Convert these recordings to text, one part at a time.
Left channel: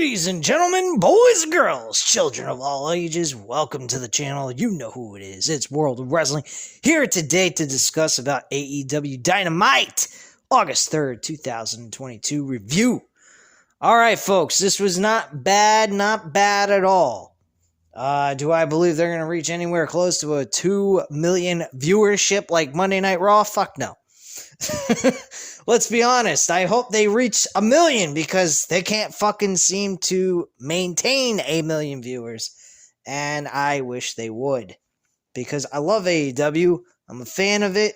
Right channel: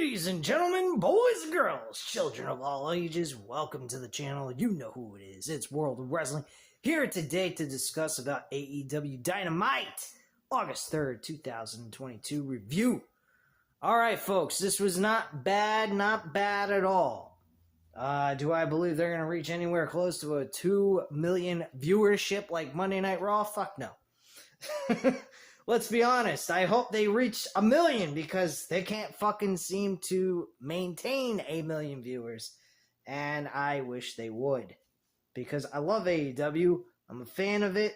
Ladies and gentlemen, boys and girls, children of all ages, welcome to the channel. You know who it is. It's World of Wrestling, here today to discuss about AEW Dynamite, August 3rd, 2022 review. Alright folks, this was not bad at all. Do I believe they're going to reach anywhere close to a 2 million viewership like Monday Night Raw? Fuck no. Let's be honest, I hope they reach 1 million because they can't fucking seem to maintain 1 million viewers. And I wish they would. Because I love AEW. I'm a fan of it.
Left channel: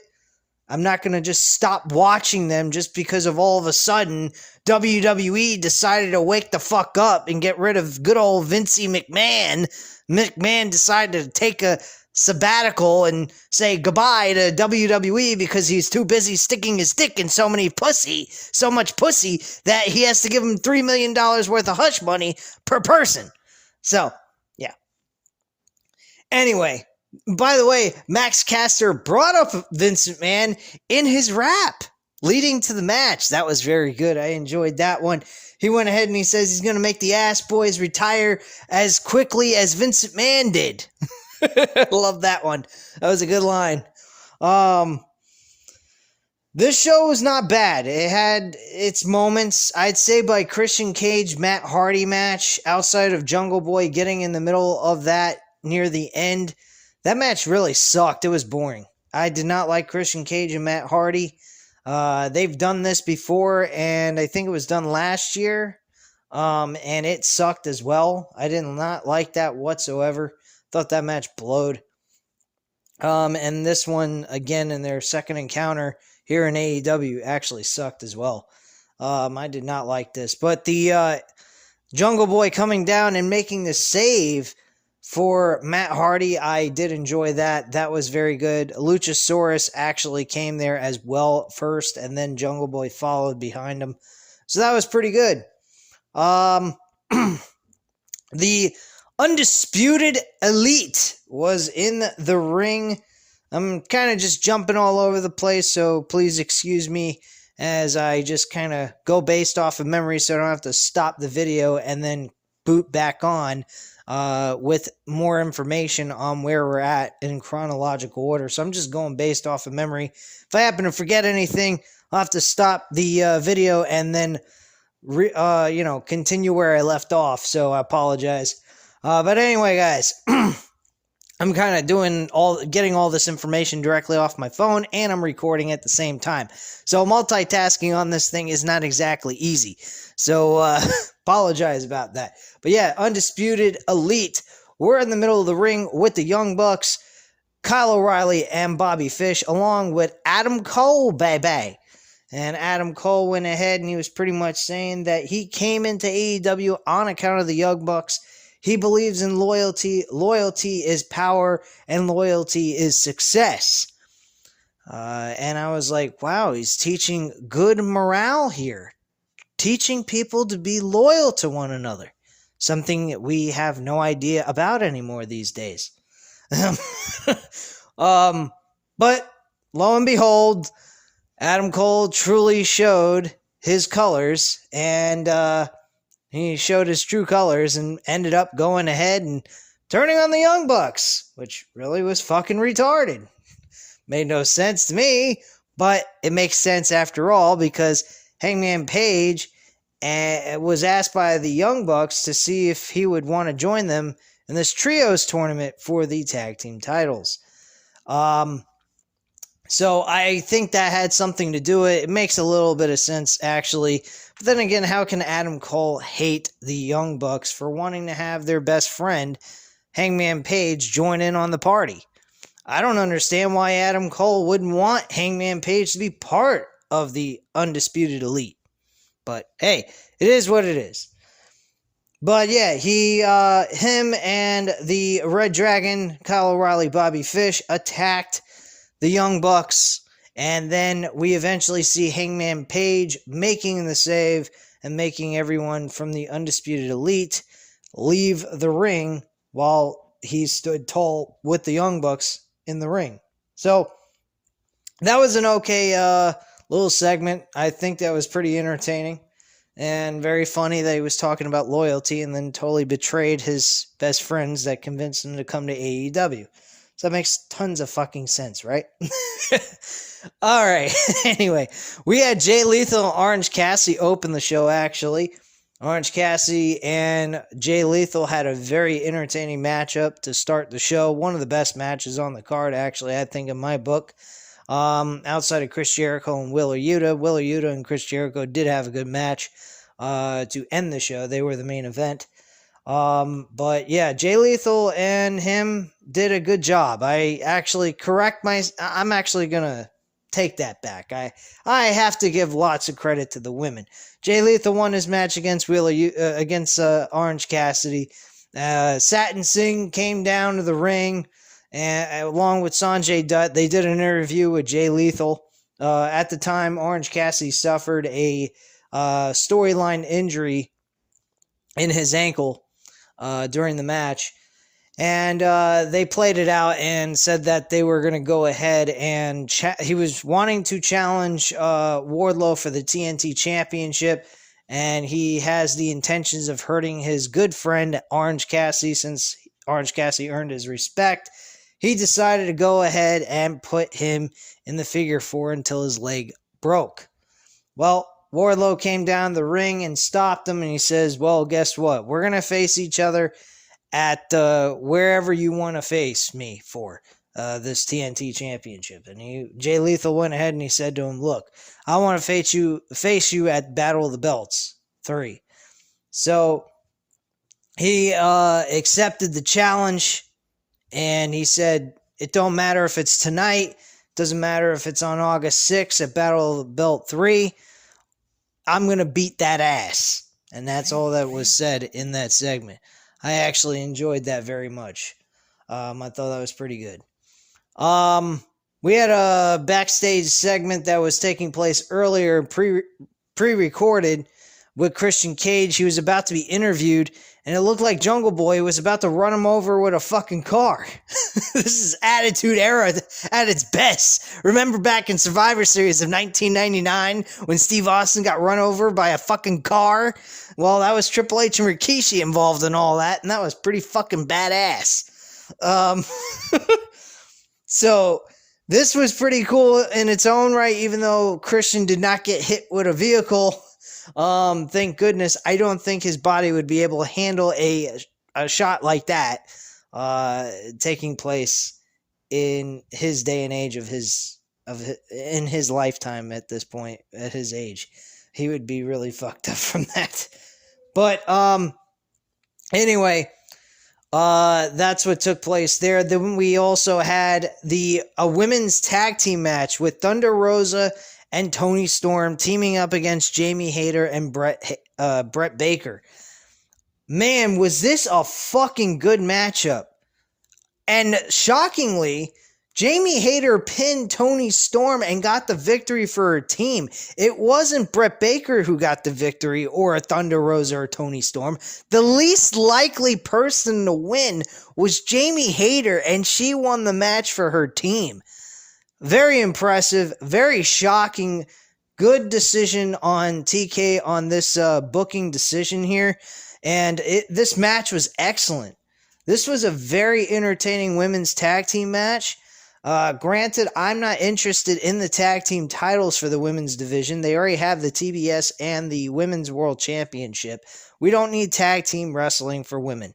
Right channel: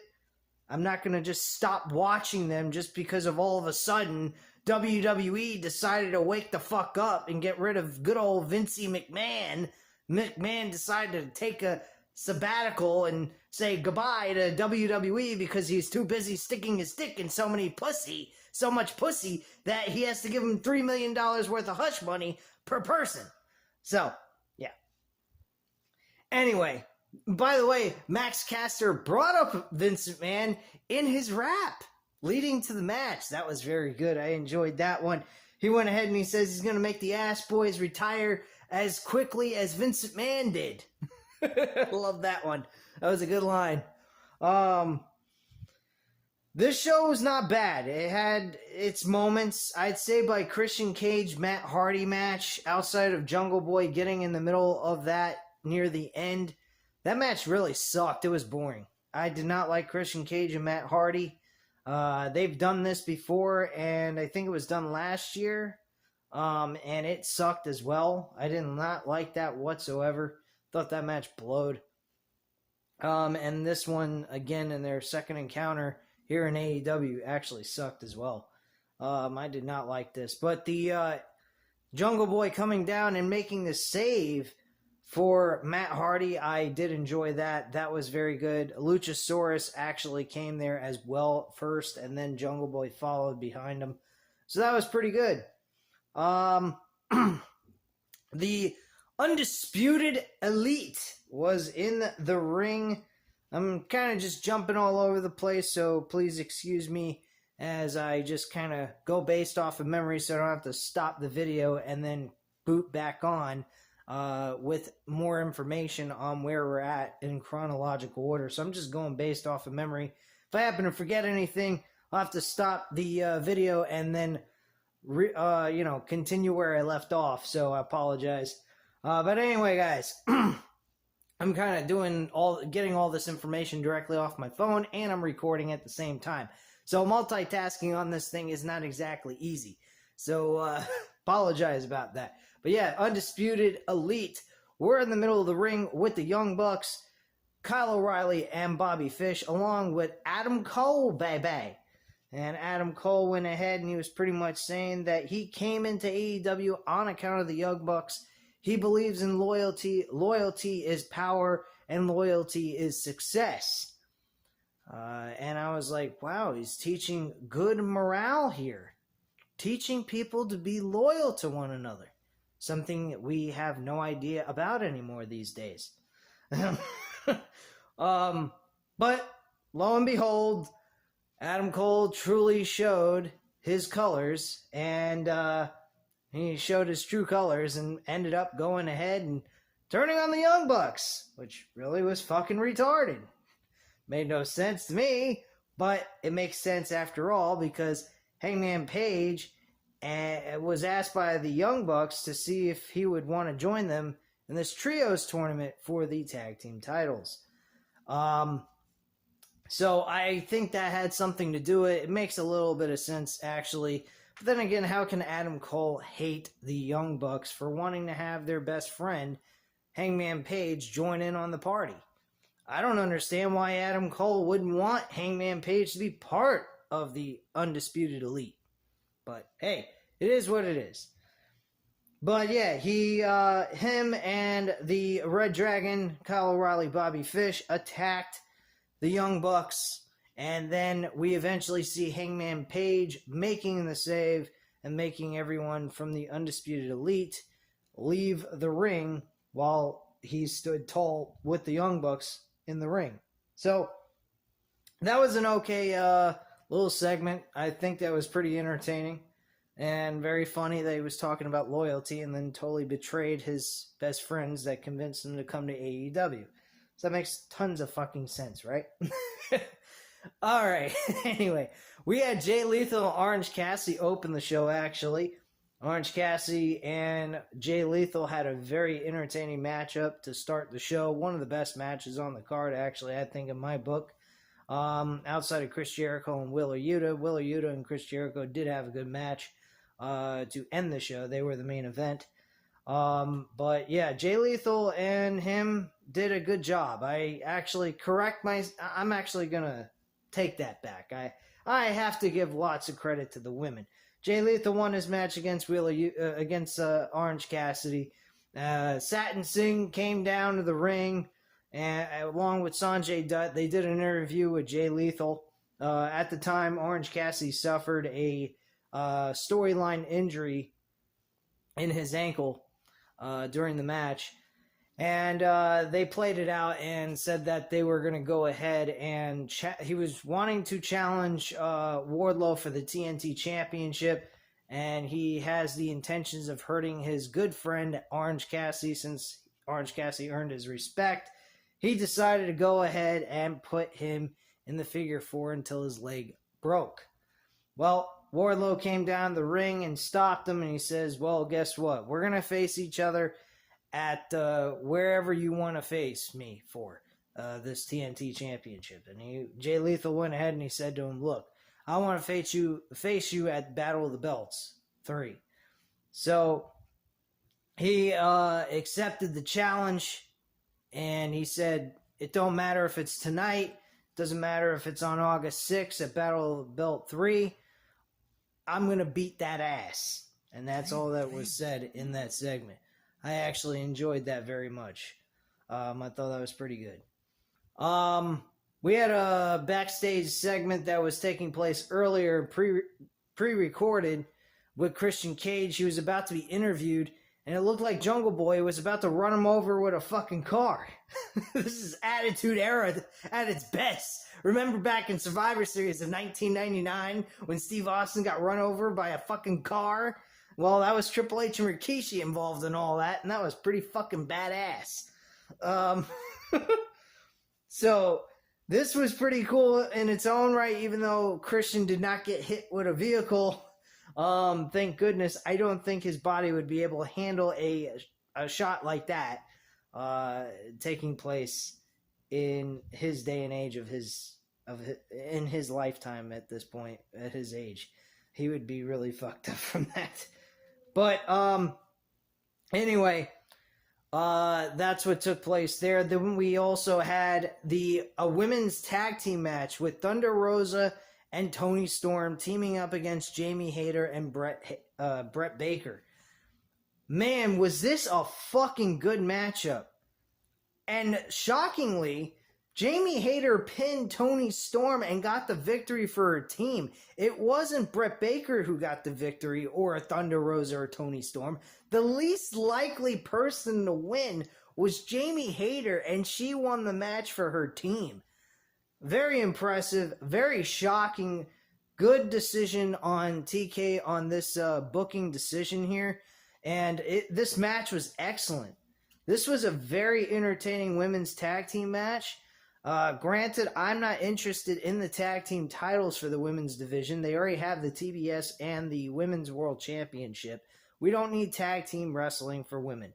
I'm not going to just stop watching them just because of all of a sudden WWE decided to wake the fuck up and get rid of good old Vincey McMahon. McMahon decided to take a sabbatical and say goodbye to WWE because he's too busy sticking his dick in so much pussy that he has to give him $3 million worth of hush money per person. So, yeah. Anyway, by the way, Max Caster brought up Vince McMahon in his rap leading to the match. That was very good. I enjoyed that one. He went ahead and he says he's going to make the ass boys retire as quickly as Vince McMahon did. Love that one. That was a good line. This show was not bad. It had its moments. I'd say by Christian Cage, Matt Hardy match, outside of Jungle Boy getting in the middle of that near the end, that match really sucked. It was boring. I did not like Christian Cage and Matt Hardy. They've done this before, and I think it was done last year, and it sucked as well. I did not like that whatsoever. Thought that match blowed. And this one, again, in their second encounter here in AEW, actually sucked as well. I did not like this. But the Jungle Boy coming down and making the save for Matt Hardy, I did enjoy that. That was very good. Luchasaurus actually came there as well first, and then Jungle Boy followed behind him. So that was pretty good. The Undisputed Elite was in the ring. I'm kind of just jumping all over the place, so please excuse me as I just kind of go based off of memory so I don't have to stop the video and then boot back on with more information on where we're at in chronological order. So I'm just going based off of memory. If I happen to forget anything, I'll have to stop the video and then continue where I left off, so I apologize. But anyway, guys, I'm kind of getting all this information directly off my phone, and I'm recording at the same time. So multitasking on this thing is not exactly easy. So apologize about that. But yeah, Undisputed Elite, we're in the middle of the ring with the Young Bucks, Kyle O'Reilly, and Bobby Fish, along with Adam Cole, baby. And Adam Cole went ahead and he was pretty much saying that he came into AEW on account of the Young Bucks. He believes in loyalty. Loyalty is power, and loyalty is success. And I was like, wow, he's teaching good morale here. Teaching people to be loyal to one another. Something that we have no idea about anymore these days. But lo and behold, Adam Cole truly showed his colors, and he showed his true colors and ended up going ahead and turning on the Young Bucks, which really was fucking retarded. Made no sense to me, but it makes sense after all because Hangman Page was asked by the Young Bucks to see if he would want to join them in this trios tournament for the tag team titles. So I think that had something to do with it. It makes a little bit of sense, actually. But then again, how can Adam Cole hate the Young Bucks for wanting to have their best friend, Hangman Page, join in on the party? I don't understand why Adam Cole wouldn't want Hangman Page to be part of the Undisputed Elite. But hey, it is what it is. But yeah, him and the Red Dragon, Kyle O'Reilly, Bobby Fish, attacked the Young Bucks. And then we eventually see Hangman Page making the save and making everyone from the Undisputed Elite leave the ring while he stood tall with the Young Bucks in the ring. So that was an okay little segment. I think that was pretty entertaining. And very funny that he was talking about loyalty and then totally betrayed his best friends that convinced him to come to AEW. So that makes tons of fucking sense, right? All right. Anyway, we had Jay Lethal and Orange Cassidy open the show, actually. Orange Cassidy and Jay Lethal had a very entertaining matchup to start the show. One of the best matches on the card, actually, I think, in my book. Outside of Chris Jericho and Wheeler Yuta and Chris Jericho did have a good match to end the show. They were the main event. But yeah, Jay Lethal and him did a good job. I'm actually gonna take that back. I have to give lots of credit to the women. Jay Lethal won his match against Orange Cassidy. Satin Singh came down to the ring, and along with Sanjay Dutt, they did an interview with Jay Lethal. At the time, Orange Cassidy suffered a storyline injury in his ankle during the match. And they played it out and said that they were going to go ahead and he was wanting to challenge Wardlow for the TNT Championship, and he has the intentions of hurting his good friend Orange Cassidy. Since Orange Cassidy earned his respect, he decided to go ahead and put him in the figure four until his leg broke. Well, Wardlow came down the ring and stopped him, and he says, well, guess what? We're going to face each other at wherever you want to face me for this TNT Championship. And Jay Lethal went ahead and he said to him, look, I want to face you at Battle of the Belts 3. So he accepted the challenge, and he said, it don't matter if it's tonight, doesn't matter if it's on August 6th at Battle of the Belt 3, I'm going to beat that ass. And that's all that was said in that segment. I actually enjoyed that very much. I thought that was pretty good. We had a backstage segment that was taking place earlier, pre-recorded, with Christian Cage. He was about to be interviewed, and it looked like Jungle Boy was about to run him over with a fucking car. This is Attitude Era at its best. Remember back in Survivor Series of 1999 when Steve Austin got run over by a fucking car? Well, that was Triple H and Rikishi involved in all that, and that was pretty fucking badass. So this was pretty cool in its own right, even though Christian did not get hit with a vehicle. Thank goodness. I don't think his body would be able to handle a shot like that taking place in his day and age in his lifetime at this point, at his age. He would be really fucked up from that. But anyway, that's what took place there. Then we also had a women's tag team match with Thunder Rosa and Toni Storm teaming up against Jamie Hayter and Brett Baker. Man, was this a fucking good matchup. And shockingly, Jamie Hayter pinned Toni Storm and got the victory for her team. It wasn't Brett Baker who got the victory, or a Thunder Rosa or Toni Storm. The least likely person to win was Jamie Hayter, and she won the match for her team. Very impressive, very shocking. Good decision on TK on this booking decision here. And this match was excellent. This was a very entertaining women's tag team match. Granted, I'm not interested in the tag team titles for the women's division. They already have the TBS and the Women's World Championship. We don't need tag team wrestling for women.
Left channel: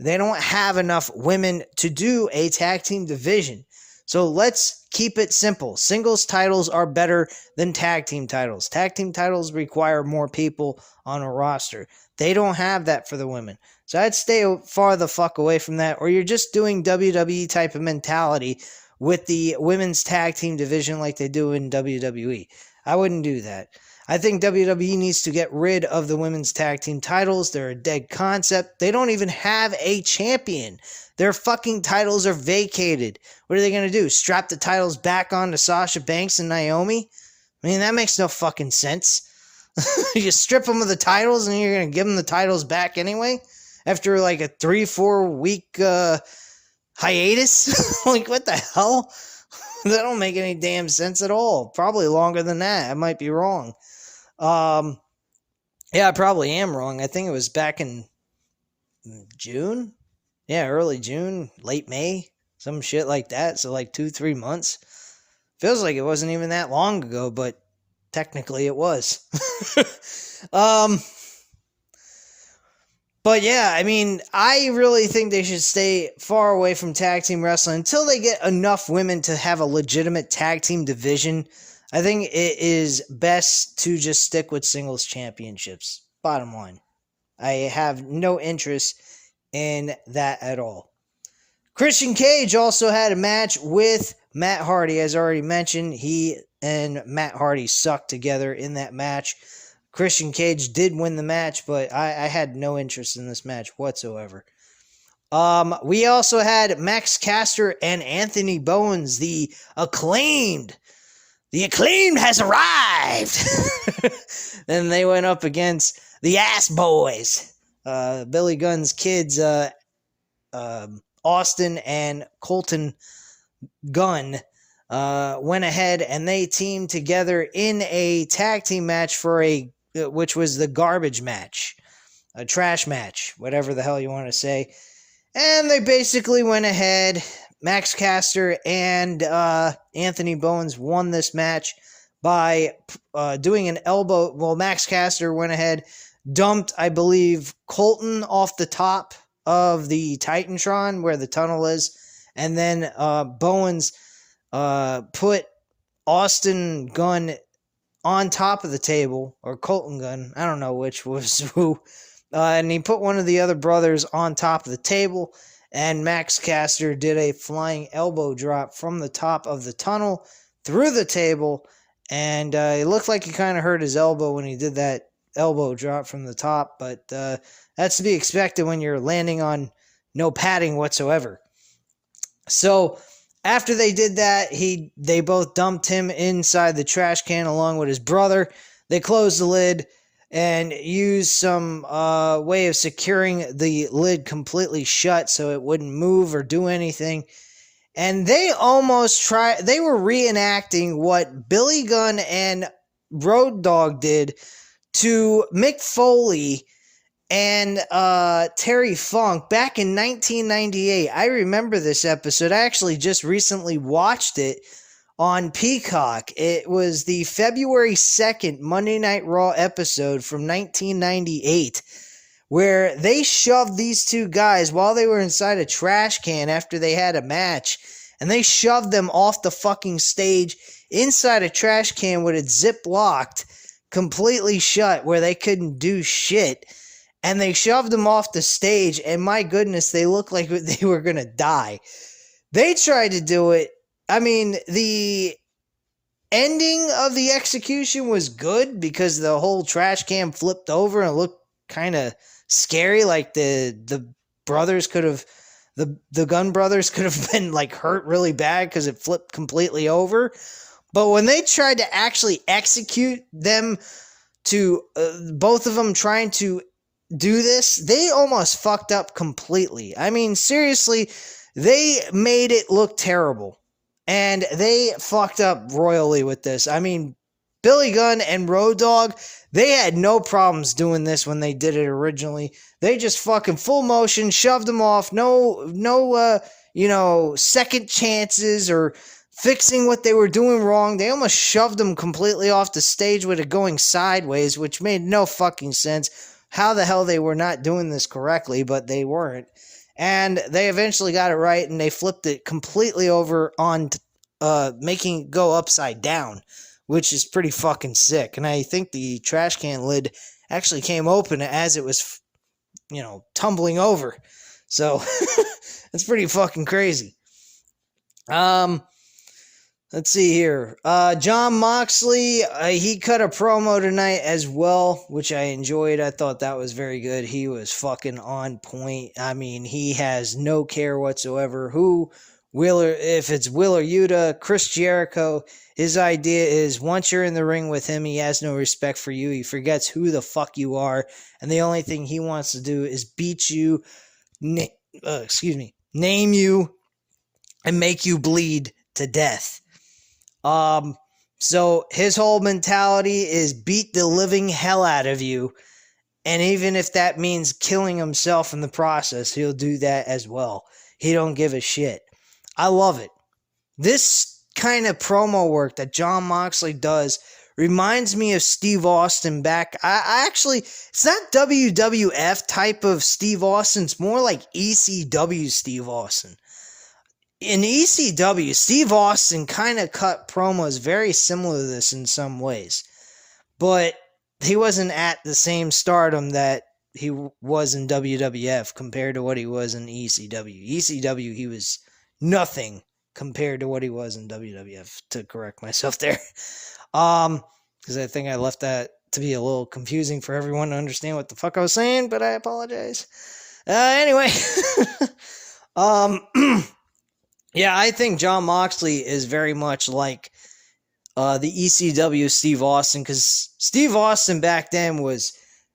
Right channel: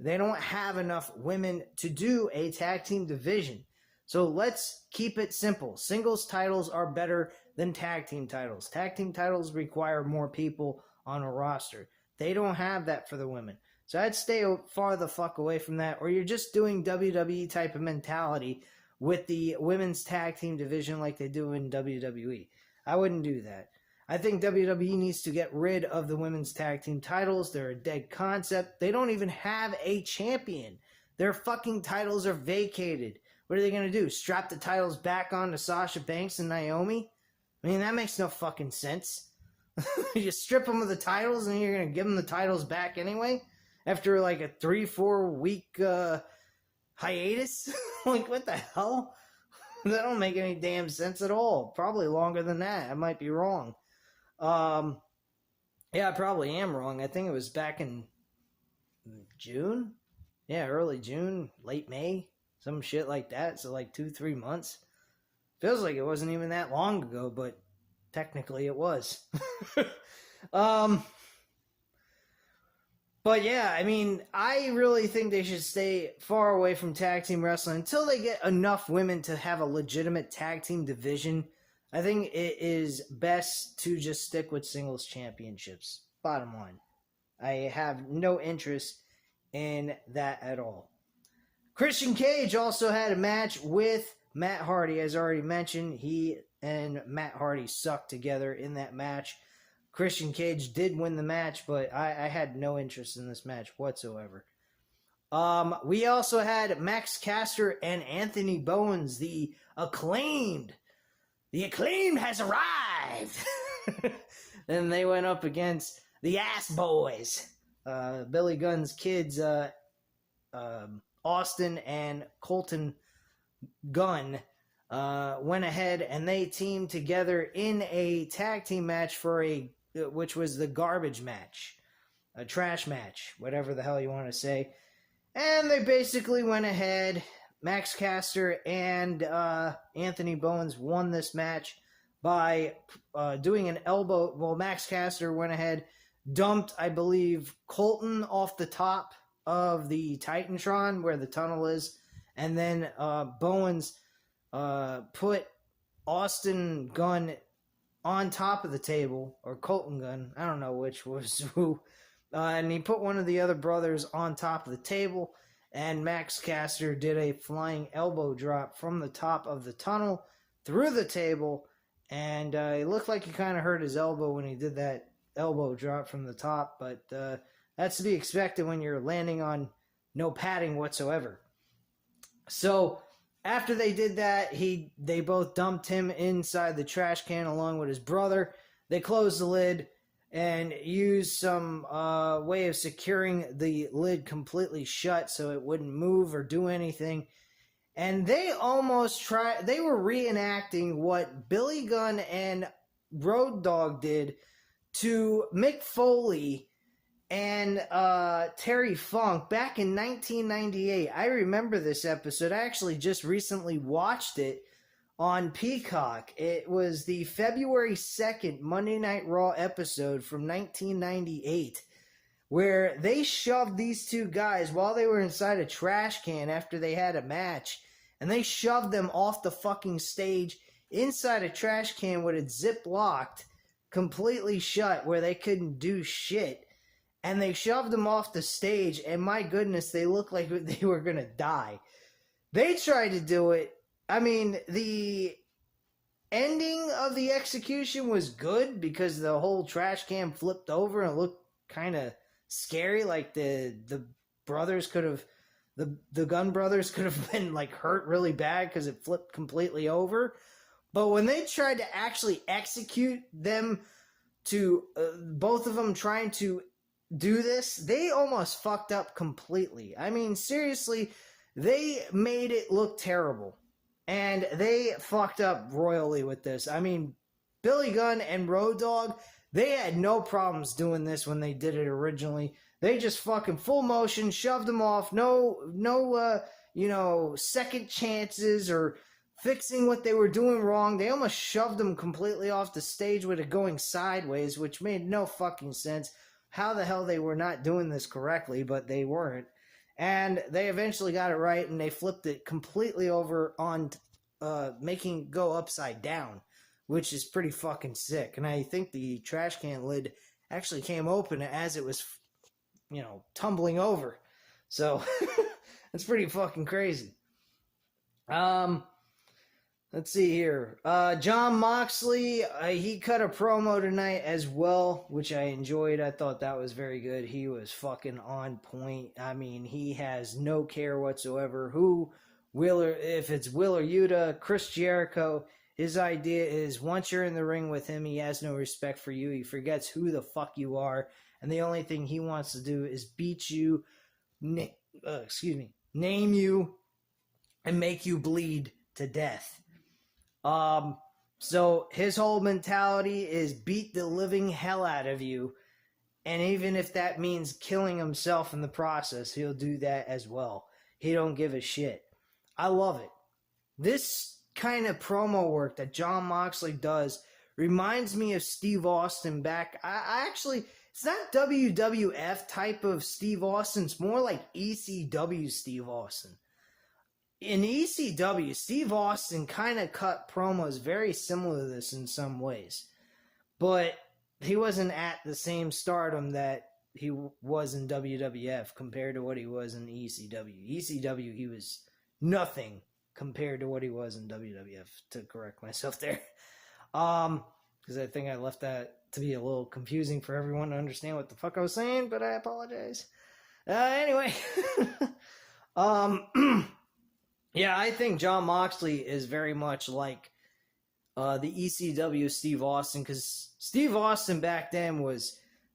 They don't have enough women to do a tag team division. So let's keep it simple. Singles titles are better than tag team titles. Tag team titles require more people on a roster. They don't have that for the women. So I'd stay far the fuck away from that. Or you're just doing WWE type of mentality with the women's tag team division like they do in WWE. I wouldn't do that. I think WWE needs to get rid of the women's tag team titles. They're a dead concept. They don't even have a champion. Their fucking titles are vacated. What are they going to do? Strap the titles back on to Sasha Banks and Naomi? I mean, that makes no fucking sense. You strip them of the titles and you're going to give them the titles back anyway? After like a 3-4 week hiatus? Like, what the hell? That don't make any damn sense at all. Probably longer than that. I might be wrong. Yeah, I probably am wrong. I think it was back in June. Yeah, early June, late May, some shit like that. So like 2, 3 months. Feels like it wasn't even that long ago, but technically it was. um, but yeah, I mean, I really think they should stay far away from tag team wrestling until they get enough women to have a legitimate tag team division. I think it is best to just stick with singles championships. Bottom line, I have no interest in that at all. Christian Cage also had a match with Matt Hardy, as already mentioned. He and Matt Hardy sucked together in that match. Christian Cage did win the match, but I had no interest in this match whatsoever. We also had Max Caster and Anthony Bowens, the acclaimed. The acclaimed has arrived. Then they went up against the Ass Boys, Billy Gunn's kids, Austin and Colton Gunn. Went ahead and they teamed together in a tag team match which was the garbage match, a trash match, whatever the hell you want to say. And they basically went ahead. Max Caster and Anthony Bowens won this match by doing an elbow. Well, Max Caster went ahead, dumped, I believe, Colton off the top of the Titantron where the tunnel is. And then Bowens put Austin Gunn on top of the table, or Colton Gunn, I don't know which was who, and he put one of the other brothers on top of the table, and Max Caster did a flying elbow drop from the top of the tunnel through the table, and it looked like he kind of hurt his elbow when he did that elbow drop from the top, but that's to be expected when you're landing on no padding whatsoever. So after they did that, they both dumped him inside the trash can along with his brother. They closed the lid and used some way of securing the lid completely shut so it wouldn't move or do anything. And they they were reenacting what Billy Gunn and Road Dogg did to Mick Foley and Terry Funk back in 1998. I remember this episode. I actually just recently watched it on Peacock. It was the February 2nd Monday Night Raw episode from 1998, where they shoved these two guys while they were inside a trash can after they had a match, and they shoved them off the fucking stage inside a trash can with it zip locked completely shut where they couldn't do shit. And they shoved them off the stage, and my goodness, they looked like they were going to die. They tried to do it. I mean, the ending of the execution was good because the whole trash can flipped over and it looked kind of scary, like the brothers could have, the Gunn brothers could have been like hurt really bad because it flipped completely over. But when they tried to actually execute them to both of them trying to do this, they almost fucked up completely. I mean, seriously, they made it look terrible. And they fucked up royally with this. I mean, Billy Gunn and Road Dogg, they had no problems doing this when they did it originally. They just fucking full motion, shoved them off. No, second chances or fixing what they were doing wrong. They almost shoved them completely off the stage with it going sideways, which made no fucking sense. How the hell they were not doing this correctly, but they weren't. And they eventually got it right, and they flipped it completely over on making it go upside down, which is pretty fucking sick. And I think the trash can lid actually came open as it was, tumbling over. So it's pretty fucking crazy. Let's see here. Jon Moxley, he cut a promo tonight as well, which I enjoyed. I thought that was very good. He was fucking on point. I mean, he has no care whatsoever if it's Will or Yuta, Chris Jericho. His idea is once you're in the ring with him, he has no respect for you. He forgets who the fuck you are. And the only thing he wants to do is beat you, name you, and make you bleed to death. So his whole mentality is beat the living hell out of you And even if that means killing himself in the process, he'll do that as well. He don't give a shit. I love it. This kind of promo work that Jon Moxley does reminds me of Steve Austin back. I actually, it's not WWF type of Steve Austin. It's more like ECW Steve Austin. In ECW, Steve Austin kind of cut promos very similar to this in some ways. But he wasn't at the same stardom that he was in WWF compared to what he was in ECW. ECW, he was nothing compared to what he was in WWF, to correct myself there. Because I think I left that to be a little confusing for everyone to understand what the fuck I was saying, but I apologize. Anyway, yeah, I think Jon Moxley is very much like the ECW Steve Austin, because Steve Austin back then was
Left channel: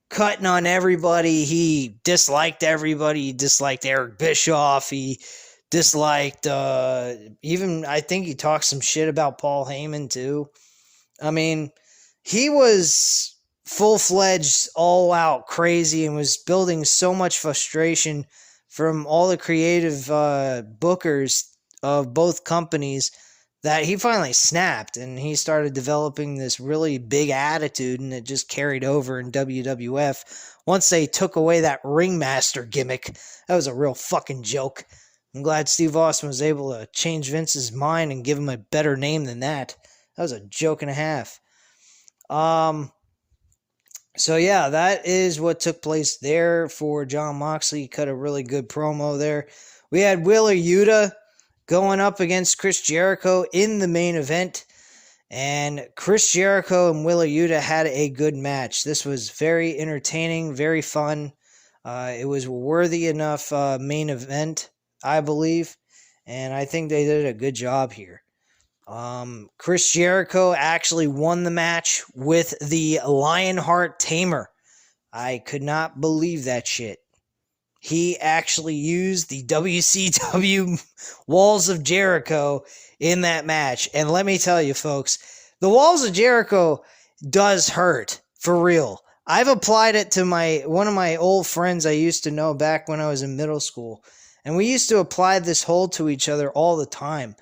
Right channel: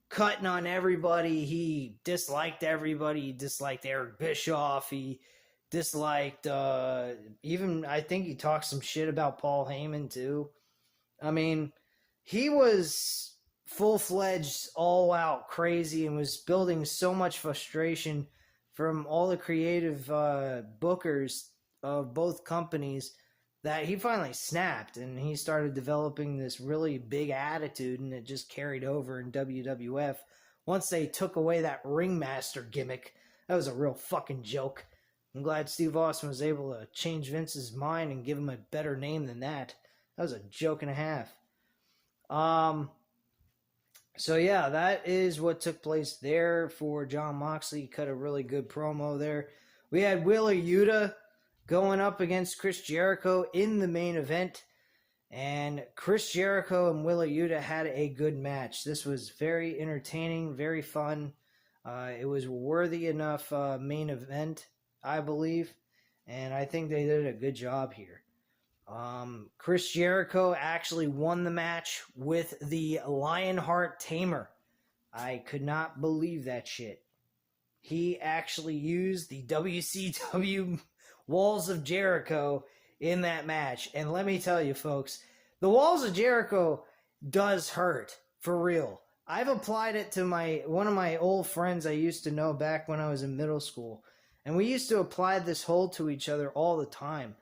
cutting on everybody. He disliked everybody. He disliked Eric Bischoff. He disliked, even, I think he talked some shit about Paul Heyman too. I mean, he was full-fledged, all-out crazy and was building so much frustration from all the creative bookers of both companies that he finally snapped and he started developing this really big attitude, and it just carried over in WWF. Once they took away that ringmaster gimmick, that was a real fucking joke. I'm glad Steve Austin was able to change Vince's mind and give him a better name than that. That was a joke and a half. So yeah, that is what took place there for Jon Moxley. He cut a really good promo there. We had Wheeler Yuta going up against Chris Jericho in the main event. And Chris Jericho and Wheeler Yuta had a good match. This was very entertaining, very fun. It was a worthy enough main event, I believe. And I think they did a good job here. Chris Jericho actually won the match with the Lionheart Tamer. I could not believe that shit. He actually used the WCW Walls of Jericho in that match. And let me tell you, folks, the Walls of Jericho does hurt, for real. I've applied it to one of my old friends I used to know back when I was in middle school. And we used to apply this hold to each other all the time.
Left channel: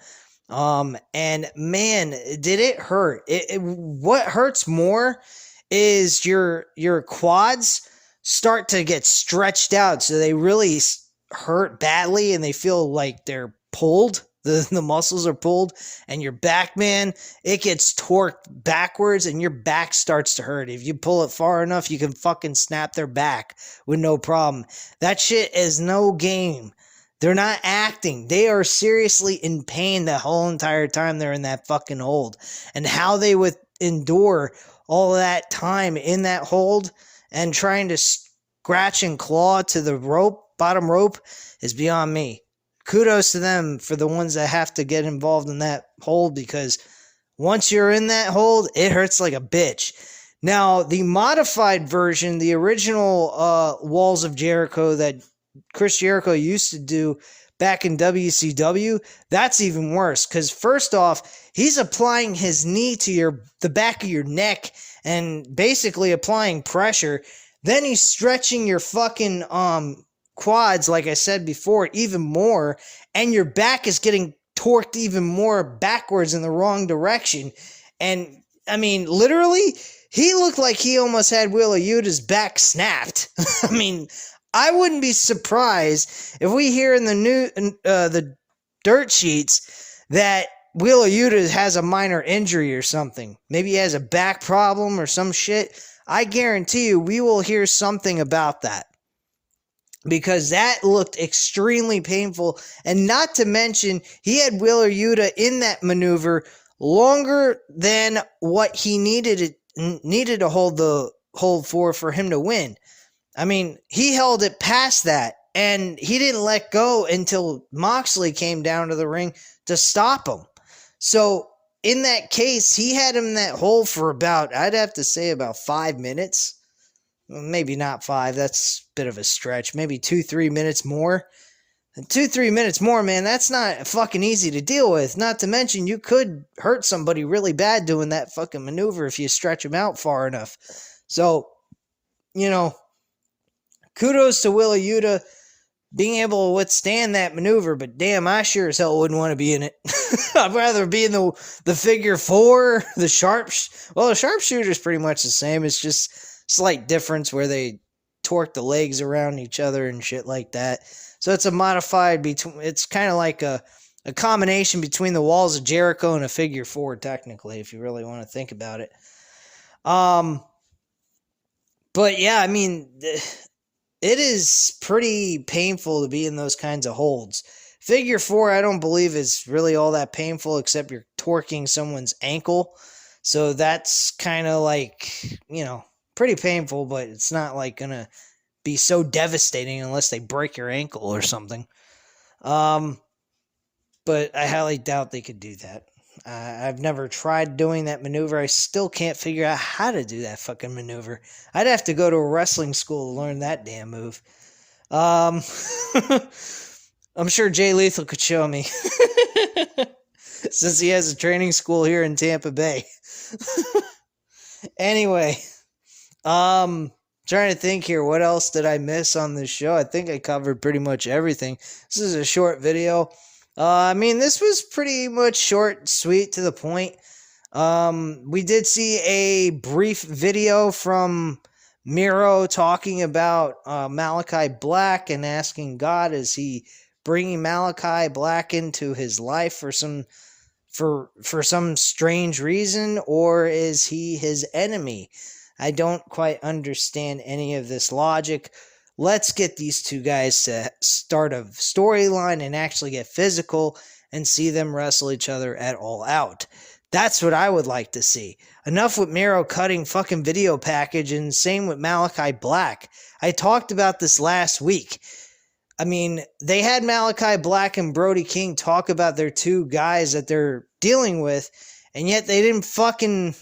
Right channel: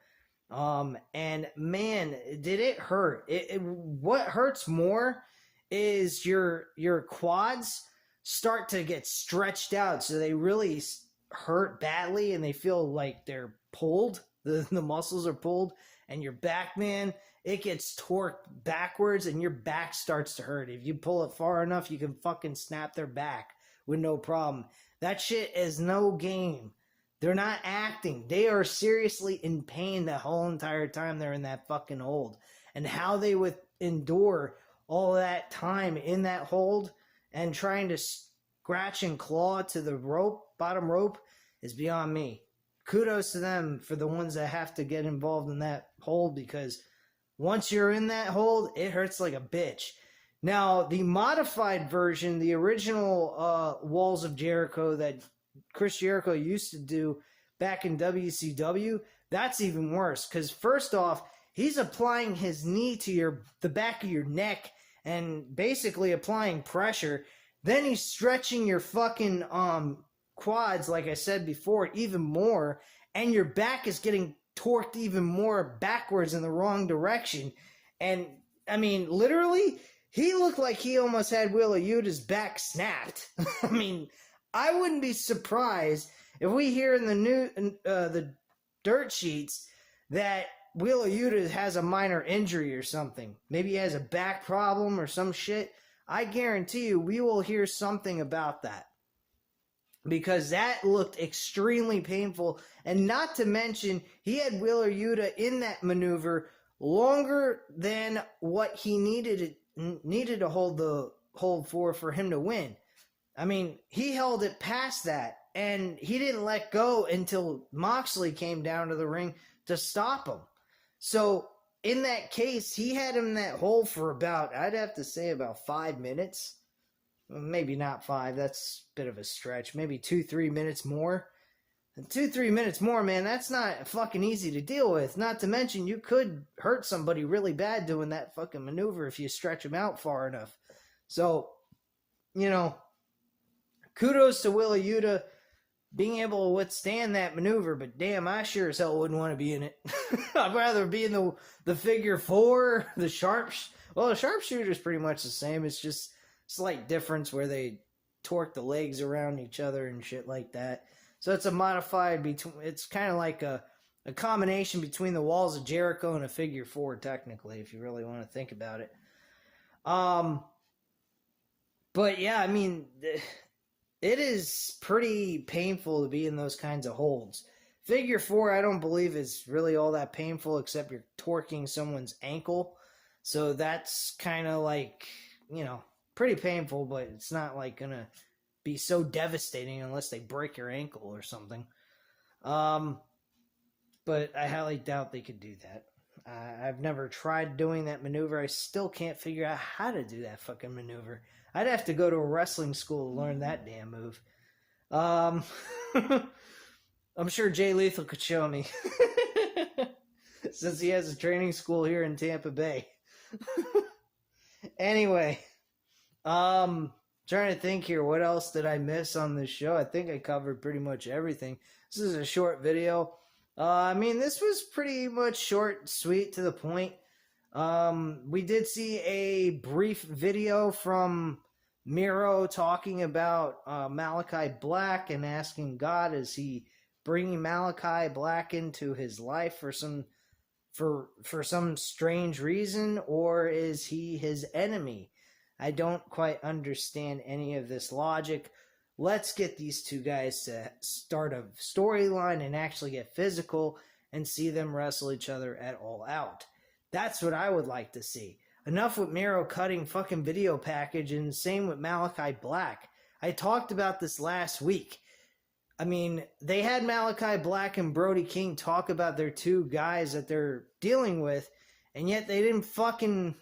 And man, did it hurt. What hurts more is your quads start to get stretched out, so they really hurt badly and they feel like they're pulled. The muscles are pulled, and your back, man, it gets torqued backwards and your back starts to hurt. If you pull it far enough, you can fucking snap their back with no problem. That shit is no game. They're not acting. They are seriously in pain the whole entire time they're in that fucking hold. And how they would endure all of that time in that hold and trying to scratch and claw to the rope, bottom rope, is beyond me. Kudos to them for the ones that have to get involved in that hold, because once you're in that hold, it hurts like a bitch. Now, the modified version, the original Walls of Jericho that Chris Jericho used to do back in WCW, that's even worse, because first off, he's applying his knee to the back of your neck and basically applying pressure. Then he's stretching your fucking quads, like I said before, even more, and your back is getting torqued even more backwards in the wrong direction. And I mean, literally, he looked like he almost had Wheeler Yuta's back snapped. I mean, I wouldn't be surprised if we hear in the dirt sheets that Wheeler Yuta has a minor injury or something. Maybe he has a back problem or some shit. I guarantee you we will hear something about that, because that looked extremely painful. And not to mention, he had Wheeler Yuta in that maneuver longer than what he needed to hold for him to win. I mean, he held it past that, and he didn't let go until Moxley came down to the ring to stop him. So, in that case, he had him in that hole for about, I'd have to say, about 5 minutes. Maybe not 5, that's a bit of a stretch. Maybe 2-3 minutes more. And 2-3 minutes more, man, that's not fucking easy to deal with. Not to mention, you could hurt somebody really bad doing that fucking maneuver if you stretch them out far enough. So, you know, kudos to Willa Yuta being able to withstand that maneuver, but damn, I sure as hell wouldn't want to be in it. I'd rather be in the figure four, the sharpshooter is pretty much the same. It's just slight difference where they torque the legs around each other and shit like that. So it's a modified it's kind of like a combination between the Walls of Jericho and a figure four, technically, if you really want to think about it. But yeah, I mean, it is pretty painful to be in those kinds of holds. Figure four, I don't believe is really all that painful, except you're torquing someone's ankle. So that's kind of like, pretty painful, but it's not like gonna be so devastating unless they break your ankle or something. But I highly doubt they could do that. I've never tried doing that maneuver. I still can't figure out how to do that fucking maneuver. I'd have to go to a wrestling school to learn that damn move. I'm sure Jay Lethal could show me. Since he has a training school here in Tampa Bay. Anyway, trying to think here, what else did I miss on this show? I think I covered pretty much everything. This is a short video. I mean, this was pretty much short, sweet, to the point. We did see a brief video from Miro talking about Malachi Black and asking God, is he bringing Malachi Black into his life for some strange reason, or is he his enemy? I don't quite understand any of this logic. Let's get these two guys to start a storyline and actually get physical and see them wrestle each other at All Out. That's what I would like to see. Enough with Miro cutting fucking video package, and same with Malachi Black. I talked about this last week. I mean, they had Malachi Black and Brody King talk about their two guys that they're dealing with, and yet they didn't fucking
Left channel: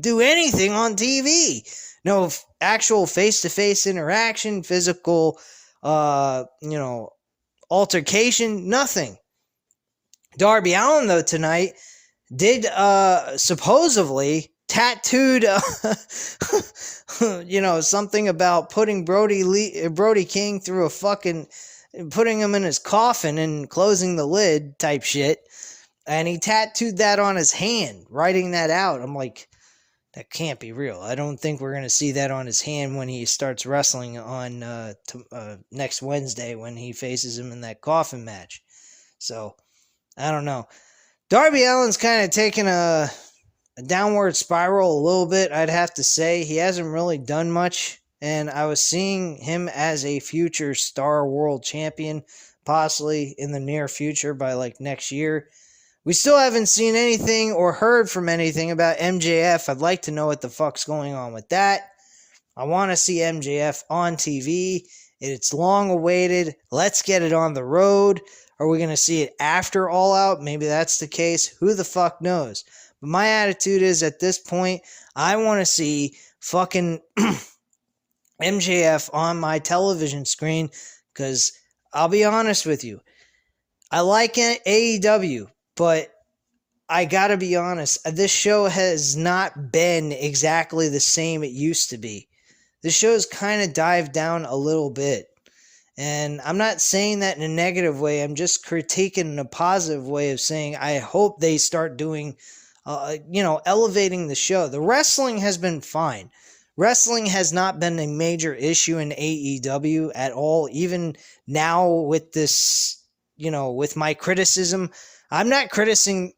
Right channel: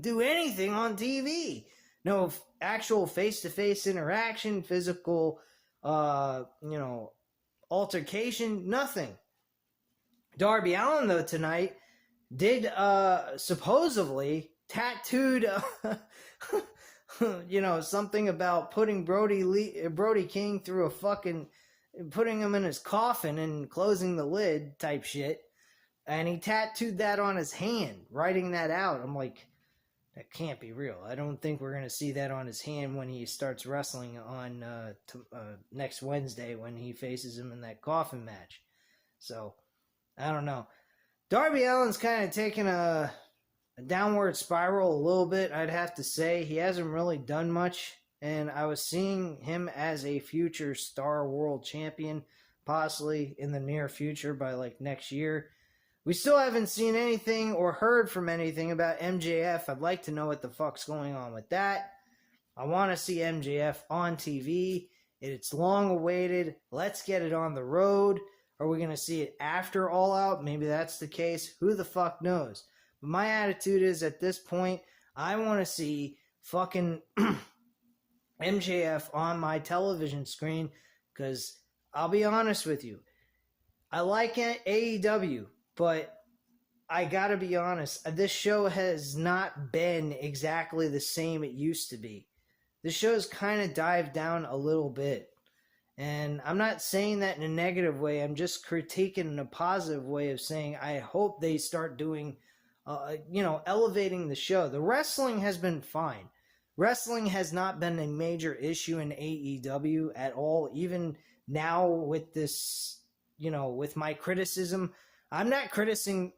do anything on TV. No actual face-to-face interaction, physical, altercation, nothing. Darby Allin, though, tonight did supposedly tattooed, something about putting Brody King through putting him in his coffin and closing the lid type shit. And he tattooed that on his hand, writing that out. I'm like, that can't be real. I don't think we're going to see that on his hand when he starts wrestling on next Wednesday when he faces him in that coffin match. So, I don't know. Darby Allin's kind of taken a downward spiral a little bit, I'd have to say. He hasn't really done much, and I was seeing him as a future Star World Champion, possibly in the near future by like next year. We still haven't seen anything or heard from anything about MJF. I'd like to know what the fuck's going on with that. I want to see MJF on TV. It's long awaited. Let's get it on the road. Are we going to see it after All Out? Maybe that's the case. Who the fuck knows? But my attitude is, at this point, I want to see fucking MJF on my television screen, because I'll be honest with you. I like AEW. But I gotta be honest, this show has not been exactly the same it used to be. The show's kind of dived down a little bit. And I'm not saying that in a negative way. I'm just critiquing in a positive way of saying I hope they start doing, elevating the show. The wrestling has been fine. Wrestling has not been a major issue in AEW at all. Even now with this, with my criticism, I'm not criticizing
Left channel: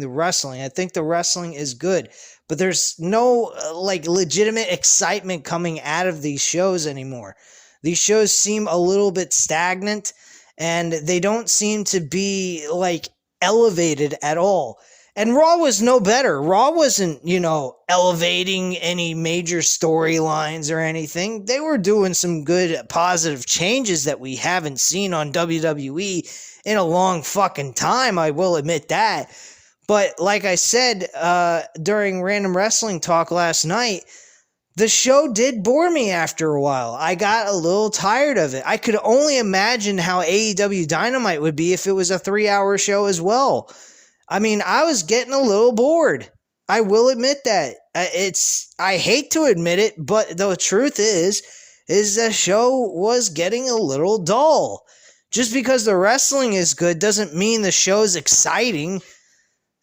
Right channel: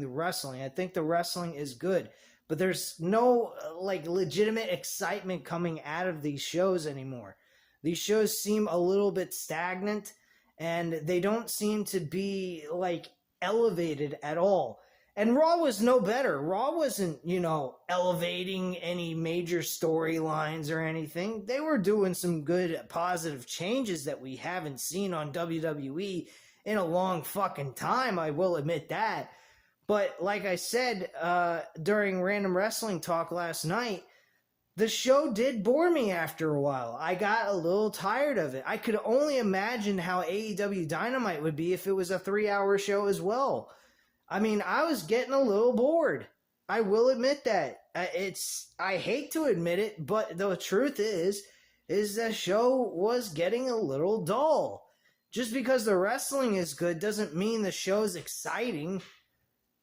the wrestling. I think the wrestling is good, but there's no legitimate excitement coming out of these shows anymore. These shows seem a little bit stagnant, and they don't seem to be elevated at all. And Raw was no better. Raw wasn't, elevating any major storylines or anything. They were doing some good positive changes that we haven't seen on WWE in a long fucking time, I will admit that. But like I said during Random Wrestling Talk last night, the show did bore me after a while. I got a little tired of it. I could only imagine how AEW Dynamite would be if it was a 3-hour show as well. I mean, I was getting a little bored. I will admit that. I hate to admit it, but the truth is is the show was getting a little dull. Just because the wrestling is good doesn't mean the show's exciting.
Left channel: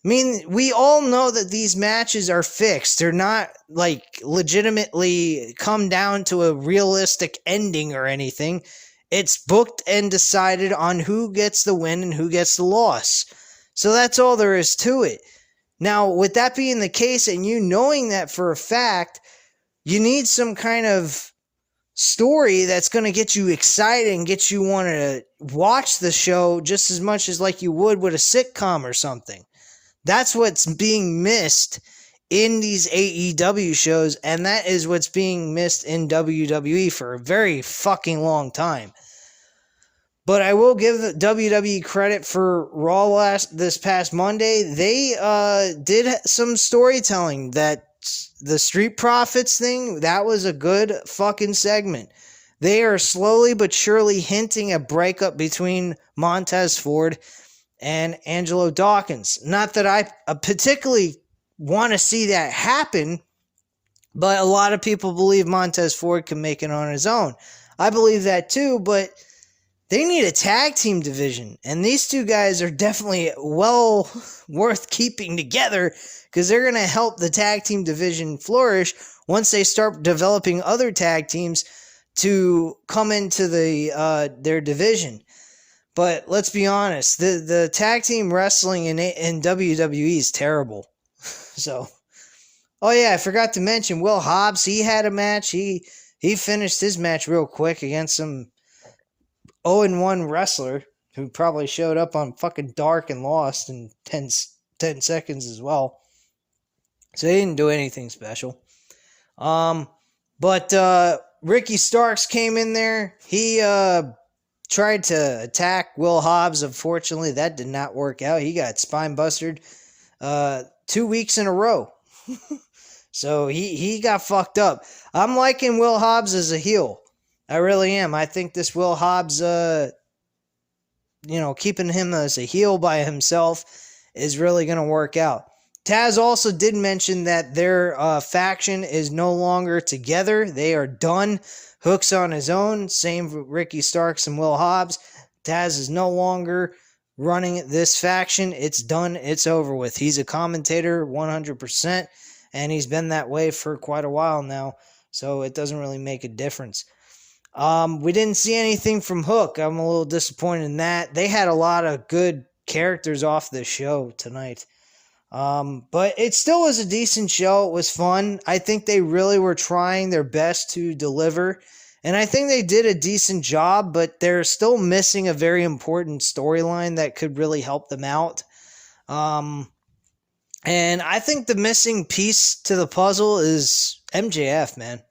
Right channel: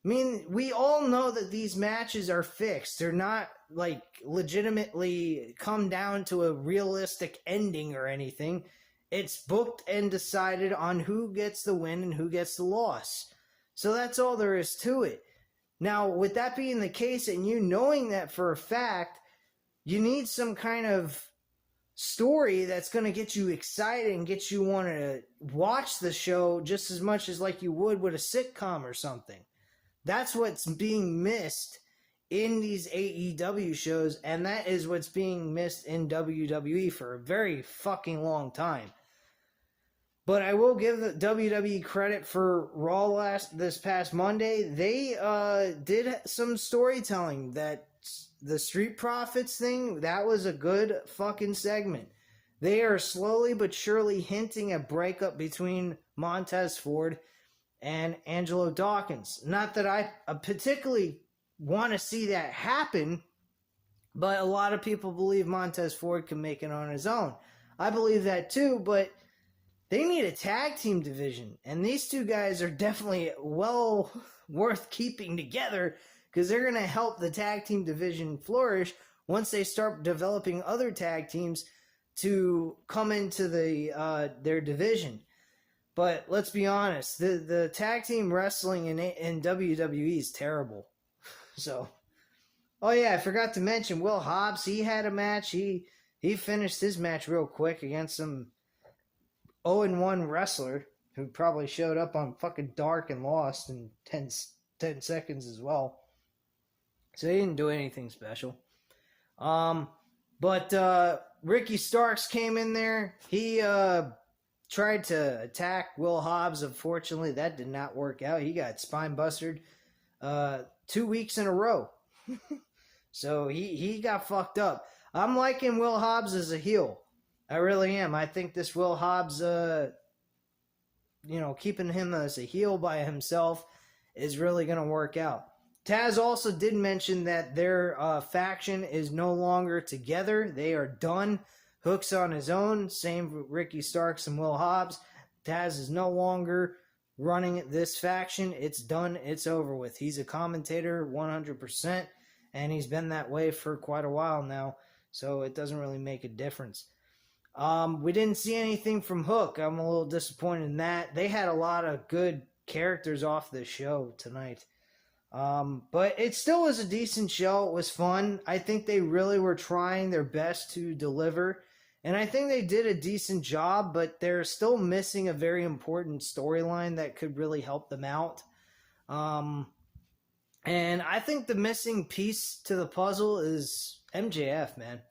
I mean, we all know that these matches are fixed. They're not, like, legitimately come down to a realistic ending or anything. It's booked and decided on who gets the win and who gets the loss. So that's all there is to it. Now, with that being the case, and you knowing that for a fact, you need some kind of story that's going to get you excited and get you want to watch the show just as much as like you would with a sitcom or something. That's what's being missed in these AEW shows, and that is what's being missed in WWE for a very fucking long time. But I will give the WWE credit for Raw this past Monday. They did some storytelling. That the Street Profits thing, that was a good fucking segment. They are slowly but surely hinting a breakup between Montez Ford and Angelo Dawkins. Not that I particularly want to see that happen, but a lot of people believe Montez Ford can make it on his own. I believe that too, but they need a tag team division, and these two guys are definitely well worth keeping together because they're going to help the tag team division flourish once they start developing other tag teams to come into their division. But let's be honest, the tag team wrestling in WWE is terrible. So, oh yeah, I forgot to mention Will Hobbs. He had a match. He finished his match real quick against some 0-1 wrestler who probably showed up on fucking Dark and lost in 10 seconds as well. So he didn't do anything special. But Ricky Starks came in there. He tried to attack Will Hobbs. Unfortunately, that did not work out. He got spine busted 2 weeks in a row. So he got fucked up. I'm liking Will Hobbs as a heel. I really am. I think this Will Hobbs, keeping him as a heel by himself is really going to work out. Taz also did mention that their faction is no longer together. They are done. Hook's on his own. Same for Ricky Starks and Will Hobbs. Taz is no longer running this faction. It's done. It's over with. He's a commentator 100%, and he's been that way for quite a while now, so it doesn't really make a difference. We didn't see anything from Hook. I'm a little disappointed in that. They had a lot of good characters off the show tonight. But it still was a decent show. It was fun. I think they really were trying their best to deliver. And I think they did a decent job, but they're still missing a very important storyline that could really help them out. And I think the missing piece to the puzzle is MJF, man.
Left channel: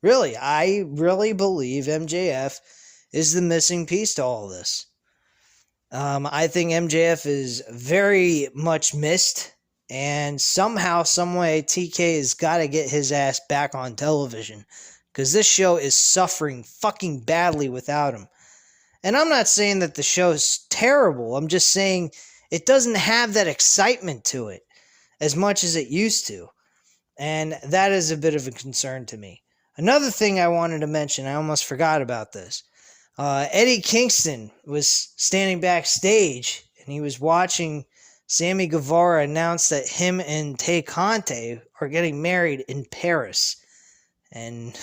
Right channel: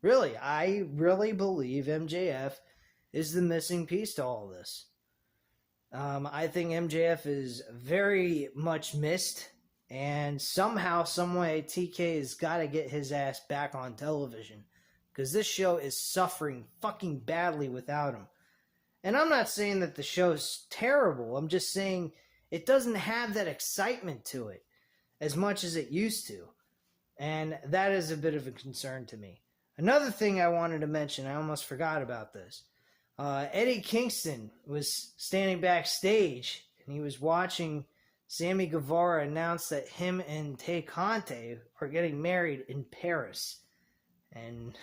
Really, I really believe MJF is the missing piece to all this. I think MJF is very much missed, and somehow, someway, TK has got to get his ass back on television, because this show is suffering fucking badly without him. And I'm not saying that the show's terrible. I'm just saying it doesn't have that excitement to it as much as it used to, and that is a bit of a concern to me. Another thing I wanted to mention, I almost forgot about this. Eddie Kingston was standing backstage, and he was watching Sammy Guevara announce that him and Tay Conte are getting married in Paris. And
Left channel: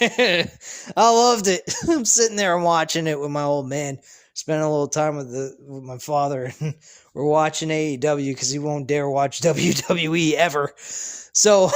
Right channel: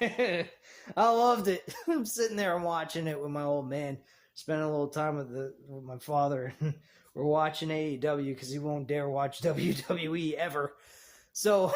I loved it. I'm sitting there and watching it with my old man, spending a little time with my father, and we're watching AEW because he won't dare watch WWE ever. So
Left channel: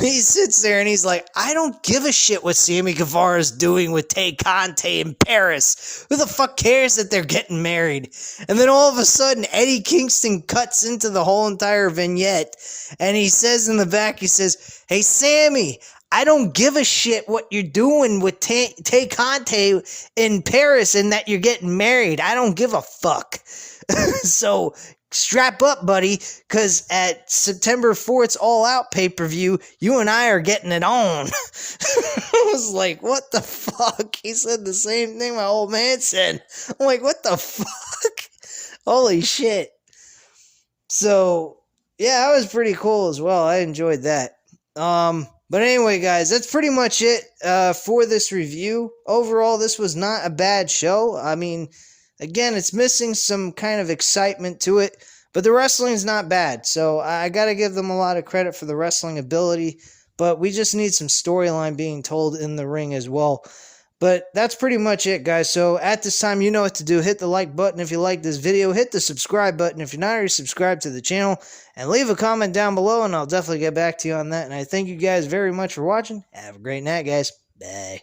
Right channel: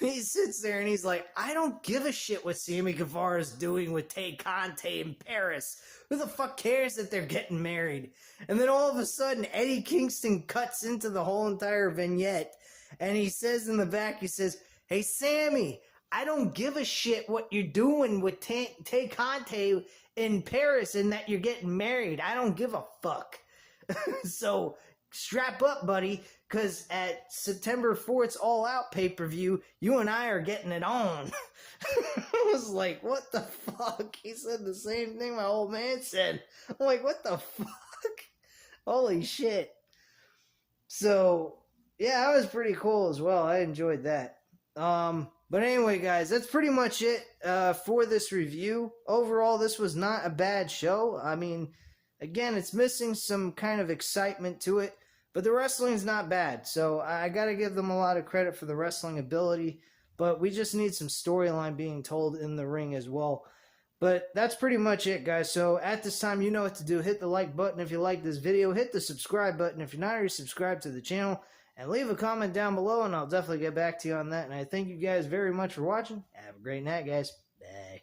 he sits there and he's like, I don't give a shit what Sammy Guevara's doing with Tay Conte in Paris. Who the fuck cares that they're getting married? And then all of a sudden, Eddie Kingston cuts into the whole entire vignette, and he says in the back, he says, hey, Sammy, I don't give a shit what you're doing with Tay Conte in Paris and that you're getting married. I don't give a fuck. So strap up, buddy, because at September 4th's All Out pay-per-view, you and I are getting it on. I was like, what the fuck? He said the same thing my old man said. I'm like, what the fuck? Holy shit. So, yeah, that was pretty cool as well. I enjoyed that. But anyway, guys, that's pretty much it for this review. Overall, this was not a bad show. I mean, again, it's missing some kind of excitement to it, but the wrestling's not bad. So I got to give them a lot of credit for the wrestling ability, but we just need some storyline being told in the ring as well. But that's pretty much it, guys. So at this time, you know what to do. Hit the like button if you like this video. Hit the subscribe button if you're not already subscribed to the channel. And leave a comment down below, and I'll definitely get back to you on that. And I thank you guys very much for watching. Have a great night, guys. Bye.